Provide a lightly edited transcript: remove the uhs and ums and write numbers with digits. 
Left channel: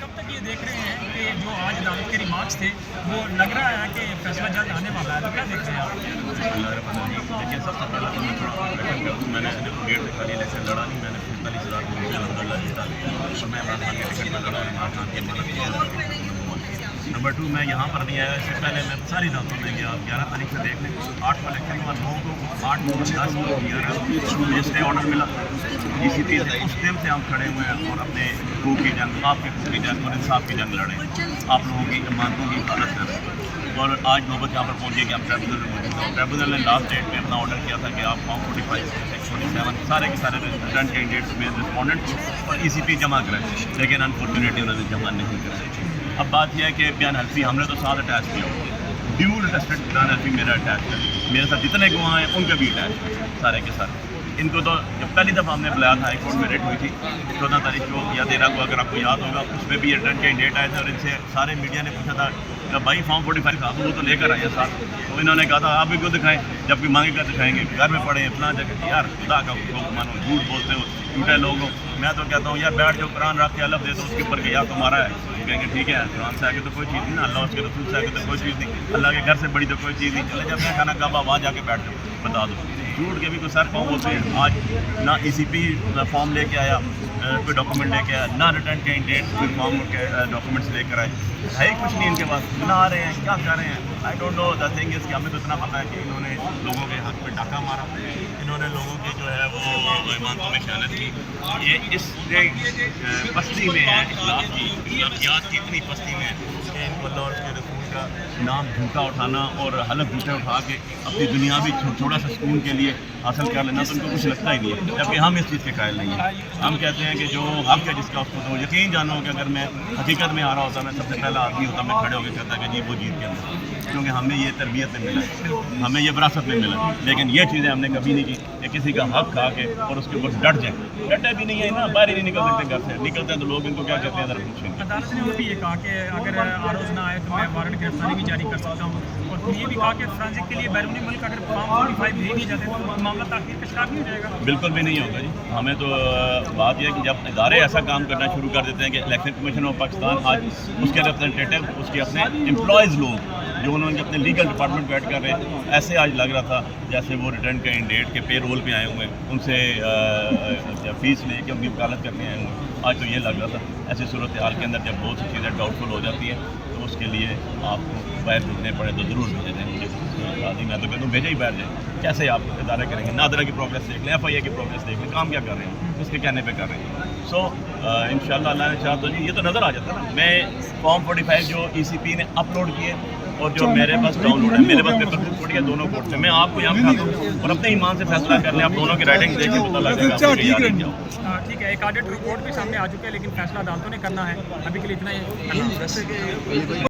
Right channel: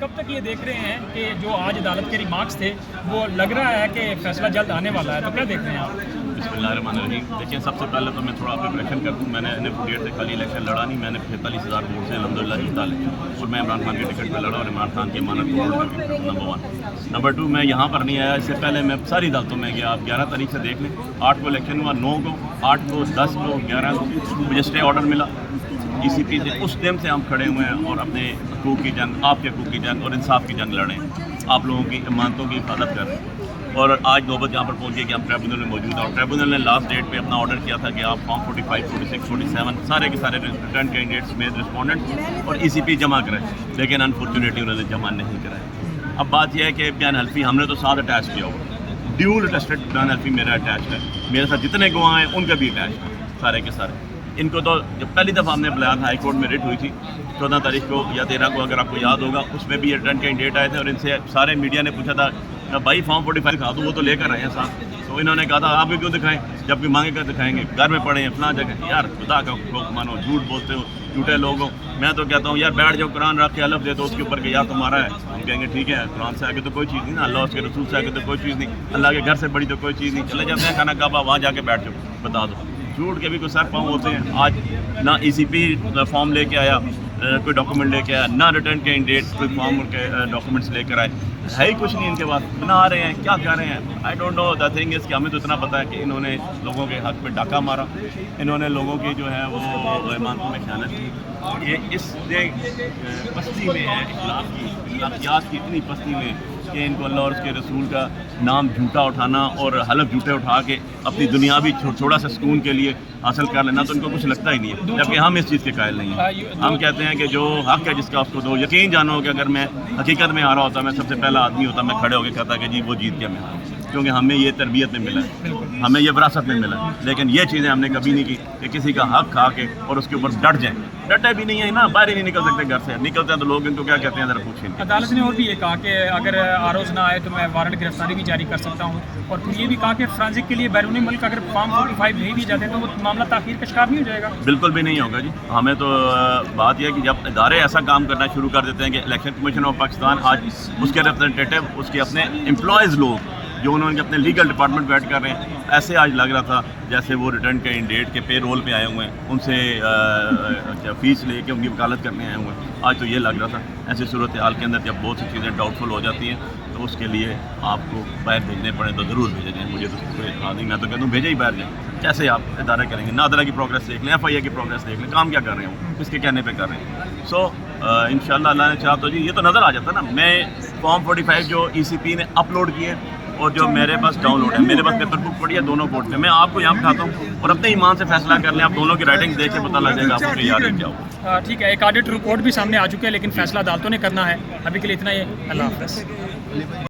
कब तक ये देख रहे हैं कि जो आज अदालत के रिमार्क्स थे वो लग रहा है कि फैसला जल्द आने वाला है, तो क्या देख रहे हैं आप? देखिए, सबसे पहले तो मैं थोड़ा इलेक्शन का मैंने डेट से पहले इलेक्शन लड़ा नहीं, मैंने 45,000 वोट से अलहमदुलिल्लाह जीता और मैं इमरान खान के टिकट पर लड़ा और इमरान खान की मानक नंबर 1। नंबर 2, मैं यहाँ पर नहीं आया, इससे पहले मैं सारी अदालतों में गया। आप 11 तारीख से देख लें, 8 को इलेक्शन हुआ, 9 को, 8 को, 10 को, 11 को मुझे स्टे ऑर्डर मिला ECP से। उस टाइम से हम खड़े हुए हैं और अपने हकूक़ की जंग, आपके हकूक़ की जंग और इंसाफ की जंग लड़ें, आप लोगों की अमानतों की हिफाजत कर रहे हैं। और आज नौबत यहाँ पर पहुँची कि हम ट्रिब्यूनल में मौजूद हैं और ट्रिब्यूनल ने लास्ट डेट पे अपना ऑर्डर किया था कि आप फॉर्म 45, 46, 47 सारे के सारे रिटर्न कैंडिडेट्स में रिस्पॉन्डेंट और ECP जमा कराए, लेकिन अनफॉर्चुनेटली उन्होंने जमा नहीं कराए। अब बात यह है कि बयान हल्फी हमने तो साथ अटैच किया हुआ, ड्यूल अटेस्टेड बयान हल्फी मेरा अटैच है, मेरे साथ जितने गवाह हैं उनका भी अटैच है सारे के सारे। इनको तो जब पहली दफ़ा हमने बुलाया था, हाई कोर्ट में रिट हुई थी 14 तारीख को या 13 को, अगर आपको याद होगा, उसमें भी रिटर्न कैंडिडेट आए थे और इनसे सारे मीडिया ने पूछा था भाई फॉर्म 45 था तो वो तो लेकर आए साथ, तो इन्होंने कहा था आप भी क्यों दिखाएं, जबकि मांगे कर दिखाएंगे, घर में पड़े हैं फलां जगह। यार खुदा का हुक्म मानो, झूठ बोलते हो, झूठे लोग हो। मैं तो कहता हूँ यार बैठ जाओ, कुरान रख के अलग दे दो उसके ऊपर कि यार तुम्हारा है, तो कहेंगे ठीक है, कुरान से आगे तो कोई चीज़ नहीं ना, अल्लाह उसके रसूल से आगे तो कोई चीज़ नहीं, अल्लाह के घर से बड़ी तो कोई चीज़ नहीं। चले जाते हैं खाना काबा, वहाँ जाके बैठ जाओ, बता दो। झूठ के भी कोई सर पाँव होते हैं। आज ना ECP फॉर्म लेके आया, कोई डॉक्यूमेंट लेके आया, ना रिटर्न कैंडिडेट कोई फॉर्म के डॉक्यूमेंट्स लेकर आए, है ही कुछ नहीं इनके पास। बना आ रहे हैं, क्या कर रहे हैं, I don't know. The thing is कि हमें तो इतना पता है कि इन्होंने लोगों के हक पे डाका मारा, इन्होंने लोगों के जो है वो इमानतों में खयानत की। ये इस पस्ती में है, इस्लामियात की इतनी पस्ती में है कि इनको अल्लाह और उसके रसूल का नाम झूठा उठाना और हलफ झूठे उठा के अपनी दुनियावी थोड़ा सा सुकून के लिए हासिल कर लेना, तो इनको कुछ लगता ही नहीं है, जबकि हम इस चीज़ के कायल नहीं हैं। हम कहते हैं कि जो हक है जिसका उसको दो। यकीन जानो कि अगर मैं हकीकत में आ रहा होता, मैं सबसे पहला आदमी होता, मैं खड़े होकर कहता कि जी वो जीत गया, क्योंकि हमें ये तरबियत में मिला, हमें ये विरासत में मिला। लेकिन ये चीज़ें हमने कभी नहीं की कि किसी का हक खा के और उसके ऊपर डट जाए। डटे भी नहीं है ना, बाहर ही नहीं निकल सकते घर से, निकलते हैं तो लोग इनको क्या कहते हैं ज़रा पूछें। अदालत ने और भी ये कहा कि अगर आरोज ना आए तो मैं वारंट गिरफ्तारी भी जारी कर सकता हूँ, और फिर ये भी कहा कि फ्रांसिक के लिए बैरून मुल्क अगर फॉर्म 45 नहीं दिए जाते तो वो मामला ताख़ीर का शिकार नहीं हो जाएगा। बिल्कुल भी नहीं होगा जी। हमें तो बात यह है कि जब इदारे ऐसा काम करना शुरू कर देते हैं कि इलेक्शन कमीशन ऑफ पाकिस्तान आज उसके रिप्रेजेंटेटिव, उसके अपने एम्प्लॉयज़ लोग जो उन्होंने अपने लीगल डिपार्टमेंट बैठ कर रहे हैं, ऐसे आज लग रहा था जैसे वो रिटर्न कैंडिडेट के पे रोल पे आए हुए हैं, उनसे फ़ीस लेके उनकी वकालत करने आए हुए हैं। आज तो ये लग रहा था। ऐसी सूरत हाल के अंदर जब बहुत सी चीज़ें डाउटफुल हो जाती हैं तो उसके लिए आपको बाहर भेजने पड़े तो ज़रूर भेजे जाएँ। मुझे तो कोई इतराज़ नहीं, मैं तो कहता हूँ भेजे ही बाहर जाएँ। कैसे आप इदारे करेंगे? नादरा की प्रोग्रेस देख लें, FIA की प्रोग्रेस देख लें, काम क्या कर रहे हैं वो, किसके कहने पर कर रहे हैं। सो इंशाल्लाह अल्लाह ने चाहा तो जी ये तो नज़र आ जाता ना। मैं फॉर्म 45 जो ECP ने अपलोड किए और जो मेरे पास डाउनलोड है, मेरे पास पेपर बुक पड़ी है दोनों कोर्ट से, मैं आपको यहाँ बताता हूँ और अपने ईमान से फैसला कर लें। आप दोनों की राइटिंग देख के पता लग जाएगा आपको कि याद है क्या हो। ठीक है, एक ऑडिट रिपोर्ट भी सामने आ चुकी है, लेकिन फैसला अदालतों ने करना है। अभी के लिए इतना ही, अल्लाह हाफ़िज़।